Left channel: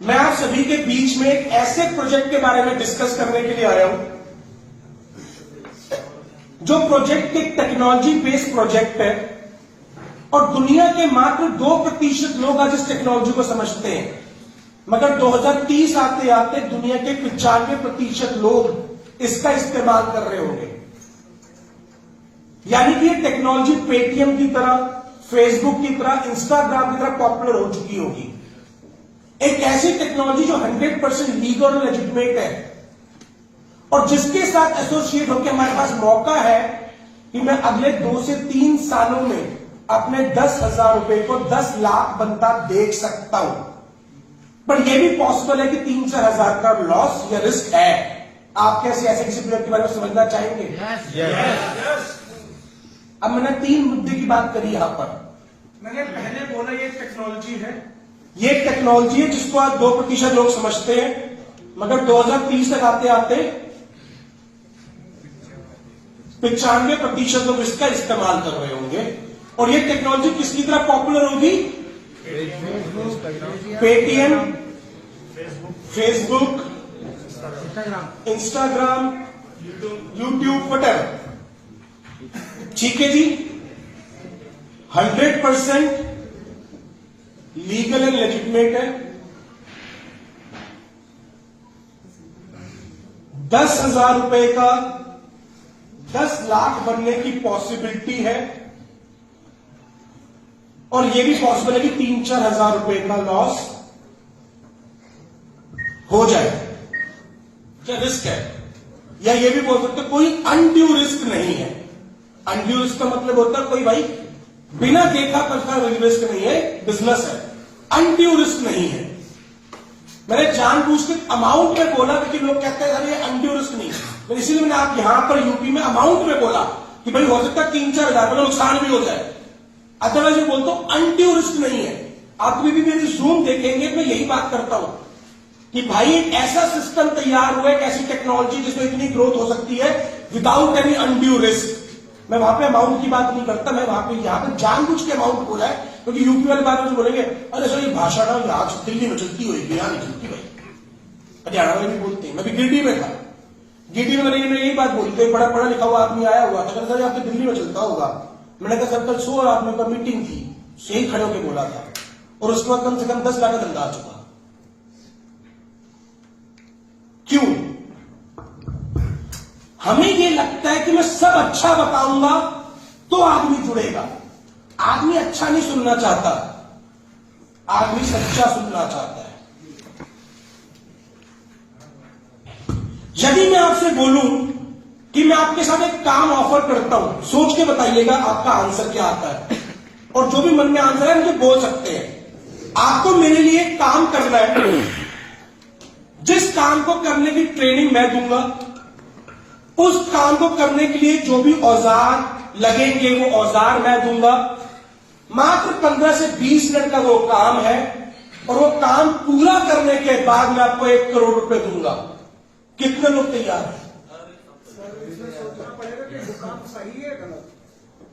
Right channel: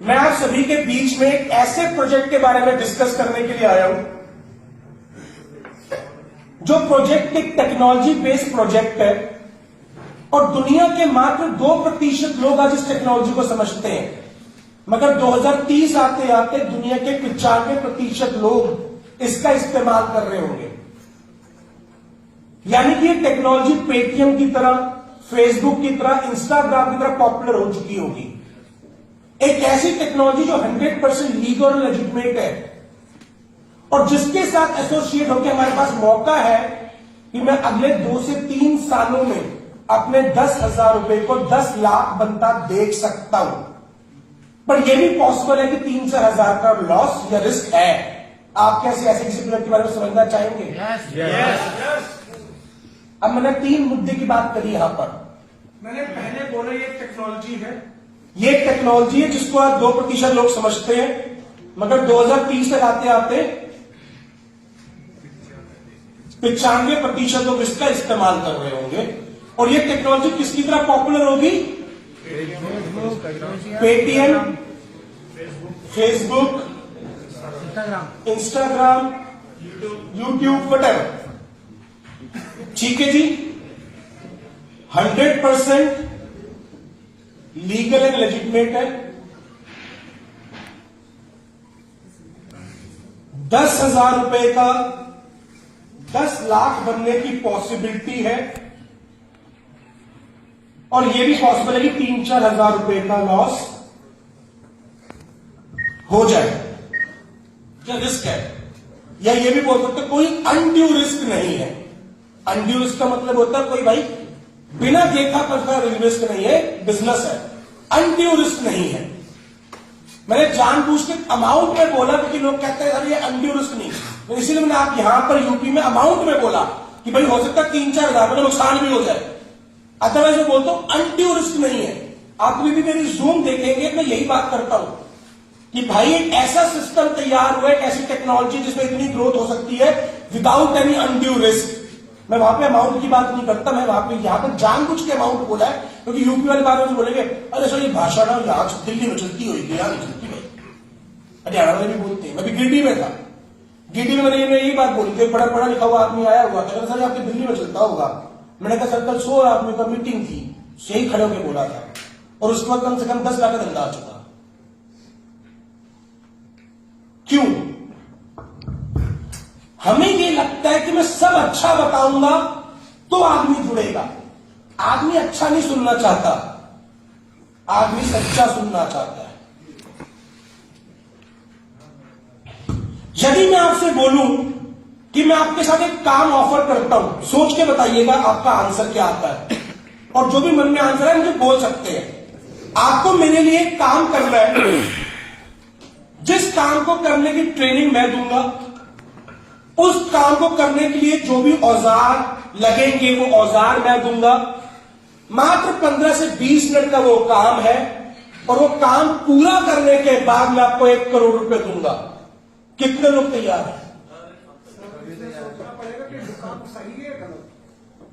मैं आप सभी के बीच में एक ऐसे प्रोजेक्ट के बारे में डिस्कस करने के लिए आया हूं जो प्रोजेक्ट एक टेक्नोलॉजी बेस्ड प्रोजेक्ट है और दुनिया के मात्र 2% लोग आज इस टेक्नोलॉजी को समझते हैं, मगर 2030 आते आते दुनिया के 95% लोग इसका इस्तेमाल कर रहे होंगे। यानी कि ये टेक्नोलॉजी पेटीएम की तरह, फेसबुक की तरह, इंस्टाग्राम की तरह पॉपुलर हो चुकी होगी। एक ऐसी टेक्नोलॉजी जो 100% लीगल और लेजिटिमेट है और जिसके साथ एसोसिएट होकर हमारे पास मौका है कि मैं अगले 2 से 3 सालों में अपने 10,000 रुपए को 10 लाख बनता देख सकता हूं। पर यह भी पॉसिबल है कि 3-4 हजार का लॉस या रिस्क है। आप कैसे ऐसे किसी प्रोजेक्ट के बारे में समझना चाहेंगे? yes. अब मैंने 3 मुद्दे की बात करी यहां पर। मैंने पहले बोला ये टेक्नोलॉजी है, ये एक टेक्नोलॉजी है जिसको आप 2% लोग समझते हैं, मगर 2030 तक आते आते 95% लोग इसका इस्तेमाल कर रहे होंगे। और ये टेक्नोलॉजी किसकी तरह पॉपुलर होगी? Paytm, Facebook, Instagram, YouTube, whatever. ठीक है जी, 100% लीगल एंड लेजिटिमेट है। 10,000 रुपए का 10 लाख बनने की पॉसिबिलिटी है और यह भी पॉसिबल है कि 3-4 हजार रुपए का लॉस हो जाए। क्या रिस्क है? या ये भी बोल सकते कोई अनड्यू रिस्क नहीं है। अनड्यू रिस्क का मतलब होता है कोई भाई बिना देखा पड़ता रिस्क नहीं है, बिजनेस है। अनड्यू रिस्क नहीं है। मैंने जानबूझ के अमाउंट में बोला क्योंकि लोग कहते हैं ये अनड्यू रिस्क नहीं है, तो इसीलिए मैंने आप यहां पर यूपी में अमाउंट में बोला कि भाई हो सकता है 3-4 हजार का नुकसान भी हो जाए। अदरवाइज मैं बोलता हूं अनड्यू रिस्क नहीं है। आप भी मेरी जूम देखेंगे मैं यही बात करता हूं कि भाई एक ऐसा सिस्टम तैयार हुआ है, एक ऐसी टेक्नोलॉजी जिसमें इतनी ग्रोथ हो सकती है विदाउट एनी अनड्यू रिस्क। मैं वहां पे अमाउंट की बात नहीं करता, मैं वहां पे यहां पर जानबूझ के अमाउंट बोला है क्योंकि यूपी वाले बात में बोलेंगे अरे सर ये भाषा ना यहाँ दिल्ली में चलती होगी, यहां नहीं चलती भाई, हरियाणा में नहीं बोलते। मैं भी गिरडी में था, गिरडी में मैंने यही बात बोली थी। बड़ा पढ़ा लिखा हुआ आदमी आया हुआ था, सर आपकी दिल्ली में चलता होगा। मैंने कहा सर कल 100 आदमी का मीटिंग थी, यही खड़े होकर बोला था और उसके बाद कम से कम 10 लाख का धंधा आ चुका। क्यों? हमें ये लगता है कि मैं सब अच्छा बताऊंगा तो आदमी जुड़ेगा। आदमी अच्छा नहीं सुनना चाहता, आदमी सच्चा सुनना चाहता है। यदि मैं आपसे बोलूं कि मैं आपके साथ एक काम ऑफर करता हूं, सोच के बताइएगा आपका आंसर क्या आता है और जो भी मन में आंसर है मुझे बोल सकते हैं। आपको मेरे लिए एक काम करना है, जिस काम को करने की ट्रेनिंग मैं दूंगा, उस काम को करने के लिए जो भी औजार लगेंगे वो औजार मैं दूंगा। मात्र 15 से 20 मिनट का वो काम है और वो काम पूरा करने के बाद मैं आपको 1 करोड़ रुपए दूंगा। कितने लोग तैयार हैं?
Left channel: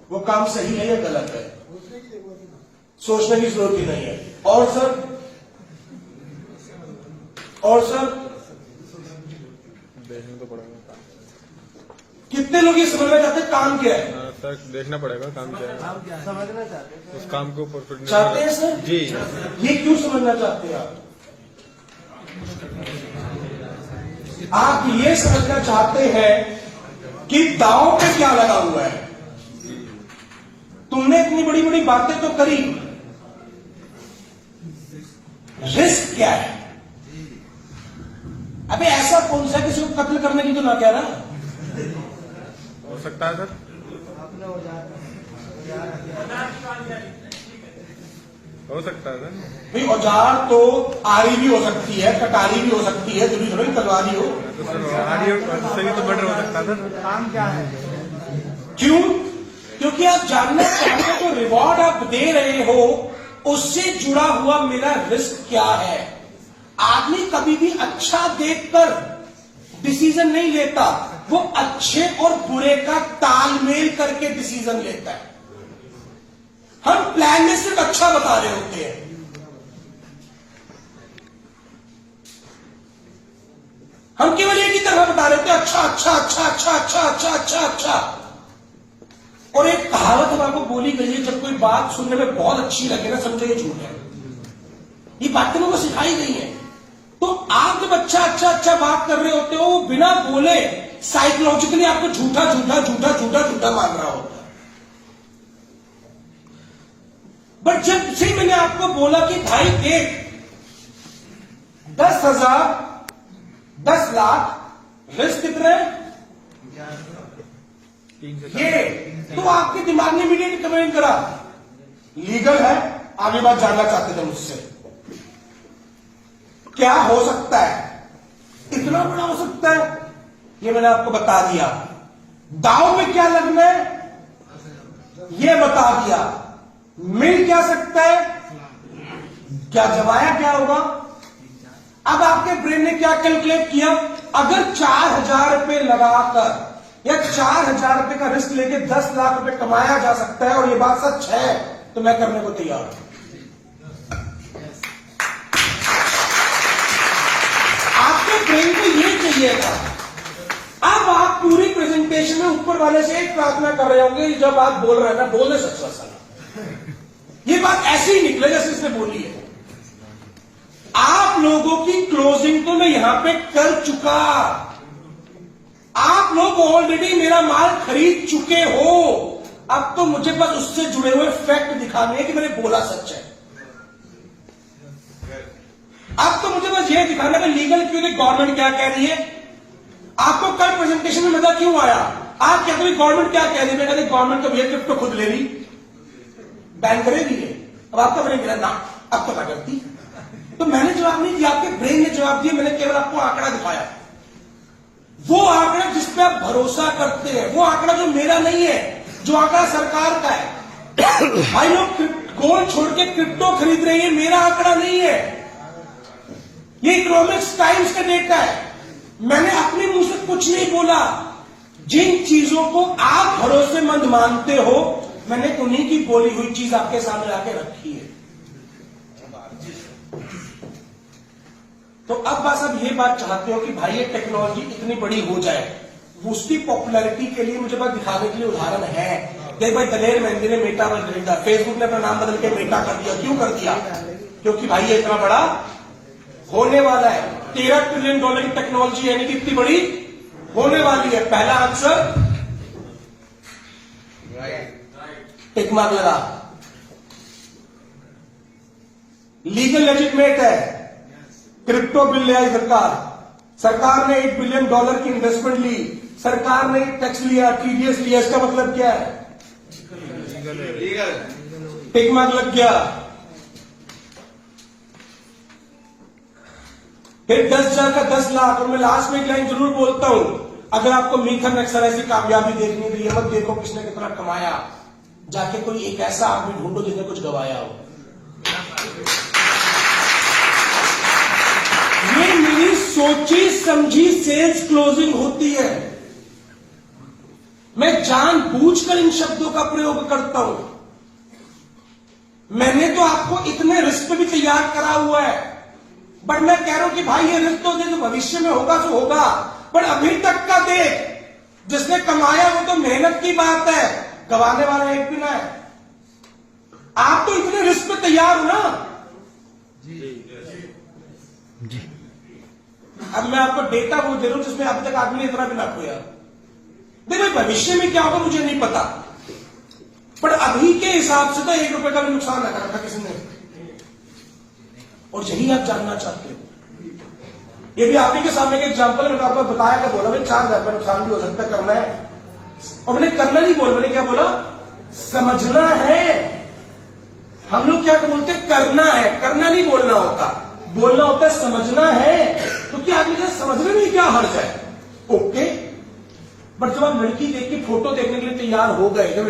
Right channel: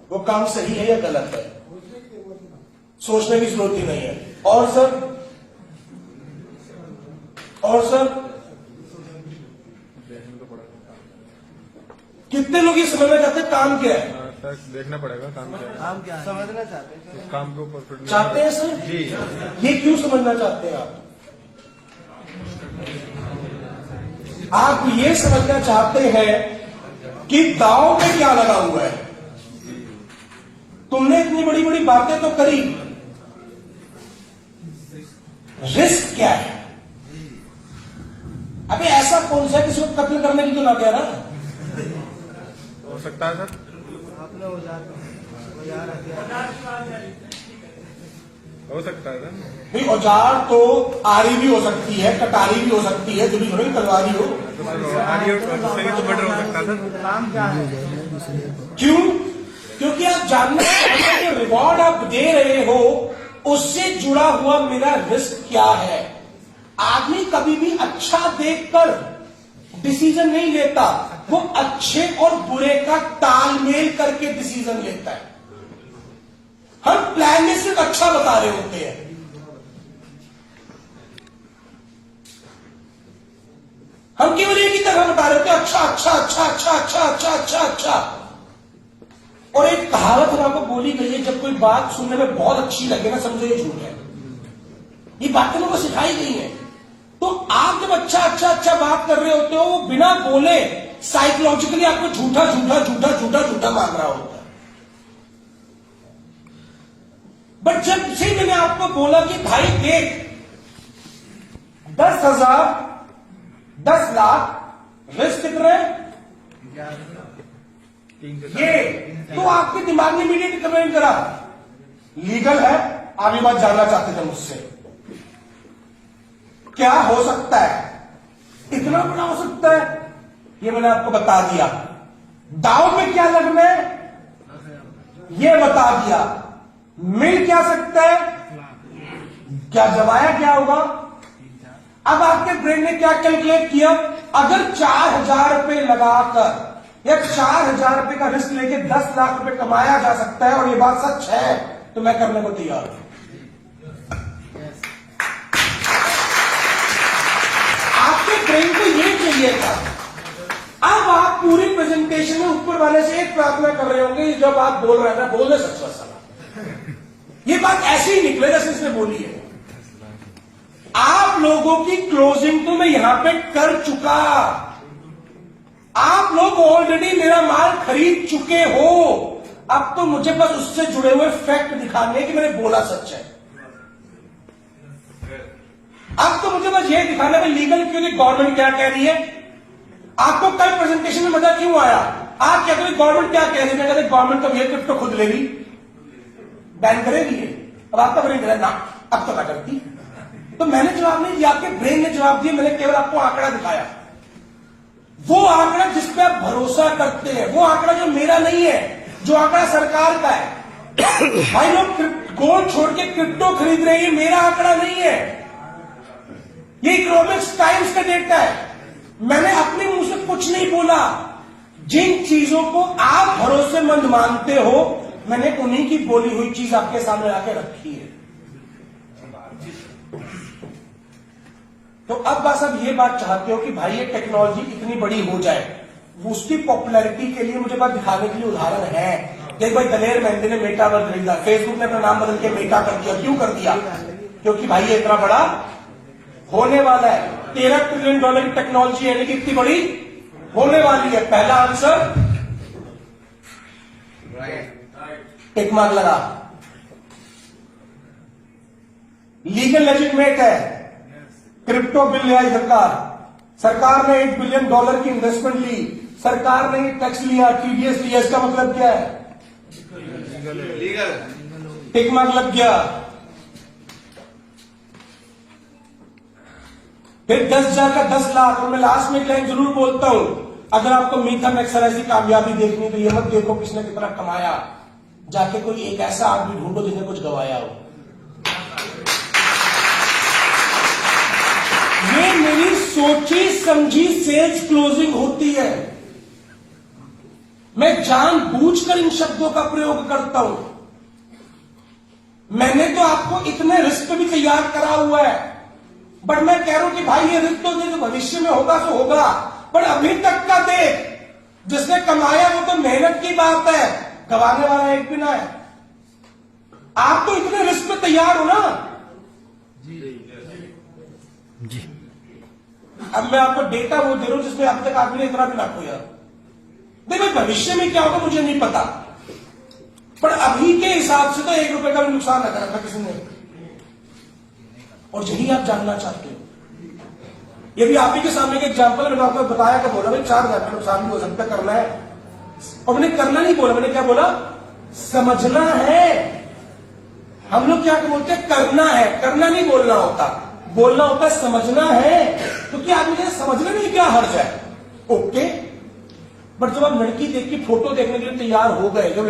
वो काम सही है या गलत है, सोचने की जरूरत ही नहीं है। और सर कितने लोग ये समझना चाहते हैं काम क्या है? तक देखना पड़ेगा काम क्या है, समझना चाहते हैं उस काम को परफेक्ट चाहते हैं सर जी। ये क्यों समझना चाहते हैं आप ये समझना चाहते हैं कि दांव पे क्या लगा हुआ है। तुमने इतनी बड़ी बड़ी बातें तो करी, रिस्क क्या है? अबे ऐसा कौन सा किसी को कत्ल करने की तो ना कह रहा, हो सकता है सर, हो सकता है सर। भाई औजार तो आरी भी हो सकती है, कटारी भी हो सकती है, जब थोड़ी तलवारी हो। सही तो बेटर हो सकता है सर। क्यों? क्योंकि आप जानना चाहते हैं जो रिवॉर्ड आप दे रहे हो उससे जुड़ा हुआ मेरा रिस्क क्या है। आदमी कभी भी अच्छा देखकर डिसीजन नहीं लेता, वो अच्छे और बुरे का तालमेल करके डिसीजन लेता है। हम प्लान में सिर्फ अच्छा बता रहे होते हैं। बता रहे थे अच्छा अच्छा अच्छा अच्छा अच्छा अच्छा अच्छा अच्छा। और एक कहावत हमारे को बोली गई है, जब कोई बात सुनने में बहुत अच्छी लगे ना, समझो ये झूठ है। ये बातें लोगों को सिखाई गई है। तो आप जब अच्छा अच्छा अच्छा बात कर रहे होते हो, वो बिना बोले साइकोलॉजिकली आपको झूठा झूठा झूठा झूठा झूठा मांग रहा होता है। बट जब से मैंने आपको बोला कि भाई देख 10,000 10 लाख रिस्क कितने ये, तो आपके दिमाग ने इमीडिएट कमेंट करा लीगल है। आप ये बात जानना चाहते थे मुझसे, क्या हो सकता है, इतना बड़ा हो सकता है, ये मैंने आपको बता दिया। दाव में क्या लगना है ये बता दिया। मिल क्या सकता है, क्या जमाया क्या होगा। अब आपके ब्रेन ने क्या कैलकुलेट किया, अगर 4,000 रुपए लगाकर या 4,000 रुपए का रिस्क लेके 10 लाख रुपए कमाया जा सकता है और ये बात सच है, तो मैं करने को तैयार हूं। आपके ब्रेन को ये चाहिए था। अब आप पूरी प्रेजेंटेशन में ऊपर वाले से एक प्रार्थना कर रहे होंगे, जब आप बोल रहे हैं ना, बोलने सच सलाह। ये बात ऐसे ही निकले जैसे इसने बोली है। आप लोगों की क्लोजिंग तो मैं यहां पे कर चुका। आप लोग ऑलरेडी मेरा माल खरीद चुके हो। अब तो मुझे बस उससे जुड़े हुए फैक्ट दिखाने हैं कि मैंने बोला सच है। अब तो मुझे बस ये दिखाना है लीगल क्यों नहीं, गवर्नमेंट क्या कह रही है। आपको कल प्रेजेंटेशन में मजा क्यों आया, आप कहते हैं गवर्नमेंट क्या कह रही है। गवर्नमेंट तो ये क्रिप्टो खुद ले रही, बैन करेगी है। अब आपका ब्रेन कह ना अब तो क्या करती। तो मैंने जवाब नहीं दिया, आपके ब्रेन ने जवाब दिया। मैंने केवल आपको आंकड़ा दिखाया, वो आंकड़ा जिस पे आप भरोसा करते हैं, वो आंकड़ा जो मेरा नहीं है, जो आंकड़ा सरकार का है। भाई लोग गोल्ड छोड़ के क्रिप्टो खरीद रहे हैं, मेरा आंकड़ा नहीं है, ये इकोनॉमिक्स टाइम्स का डेटा है। मैंने अपने मुंह से कुछ नहीं बोला। जिन चीजों को आप भरोसेमंद मानते हो, मैंने उन्हीं की बोली हुई चीज आपके सामने आके रखी है। तो अब बस अब ये बात चाहते हो कि भाई ये टेक्नोलॉजी इतनी बड़ी हो जाए, उसकी पॉपुलैरिटी के लिए मुझे बात दिखाने के लिए उदाहरण है। एक बार दलेर मेहंदी ने मेटा पर खरीदा, फेसबुक ने अपना नाम बदल के मेटा कर दिया। क्यों कर दिया, क्योंकि भाई ये इतना बड़ा होने वाला है। $13 ट्रिलियन की टेक्नोलॉजी यानी कि इतनी बड़ी होने वाली है। पहला आंसर टिक मार्क लगा। लीगल लेजिटमेट है। क्रिप्टो बिल ले आई सरकार ने $1 बिलियन की इन्वेस्टमेंट ली, सरकार ने टैक्स लिया, टीडीएस लिया। इसका मतलब क्या है, टिक मार्क लग गया। फिर 10,000 का 10 लाख। और मैं लास्ट में एक लाइन जरूर बोलता हूं, अगर आपको मीथा एक्सरसाइज की कामयाबी देखनी तो ये मत देखो किसने कितना कमाया, जाके कोई एक ऐसा आदमी ढूंढो जिसने कुछ गवाया हो। ये मेरी सोची समझी सेल्स क्लोजिंग होती है। मैं जानबूझकर इन शब्दों का प्रयोग करता हूं। मैंने तो आपको इतने रिस्क भी तैयार करा हुआ है, बट मैं कह रहा हूं कि भाई ये रिस्क तो भविष्य में होगा तो होगा, पर अभी तक का देख, जिसने कमाया वो तो मेहनत की बात है, गवाने वाला एक भी ना है। आप तो इतने रिस्क पे तैयार हो ना। जी अब मैं आपको डेटा वो दे रहा हूं जिसमें अभी तक आदमी ने इतना भी ना खोया। देखो भविष्य में क्या होगा मुझे नहीं पता, पर अभी के हिसाब से तो ₹1 का भी नुकसान ना करा था किसी ने, और यही आप जानना चाहते हो। यदि आप ही के सामने एक एग्जाम्पल मैंने आपको बताया कि बोला भाई 4,000 का नुकसान भी हो सकता है, करना है। और मैंने करना नहीं बोला, मैंने क्या बोला, समझना है। हम लोग क्या बोलते हैं, करना है, करना नहीं बोलना होता, बोलना होता है समझना है। तो क्या आप मुझे समझने में क्या हर्ज है, ओके। बट जब आप लड़की देख के फोटो देखने के लिए तैयार हो गए, जब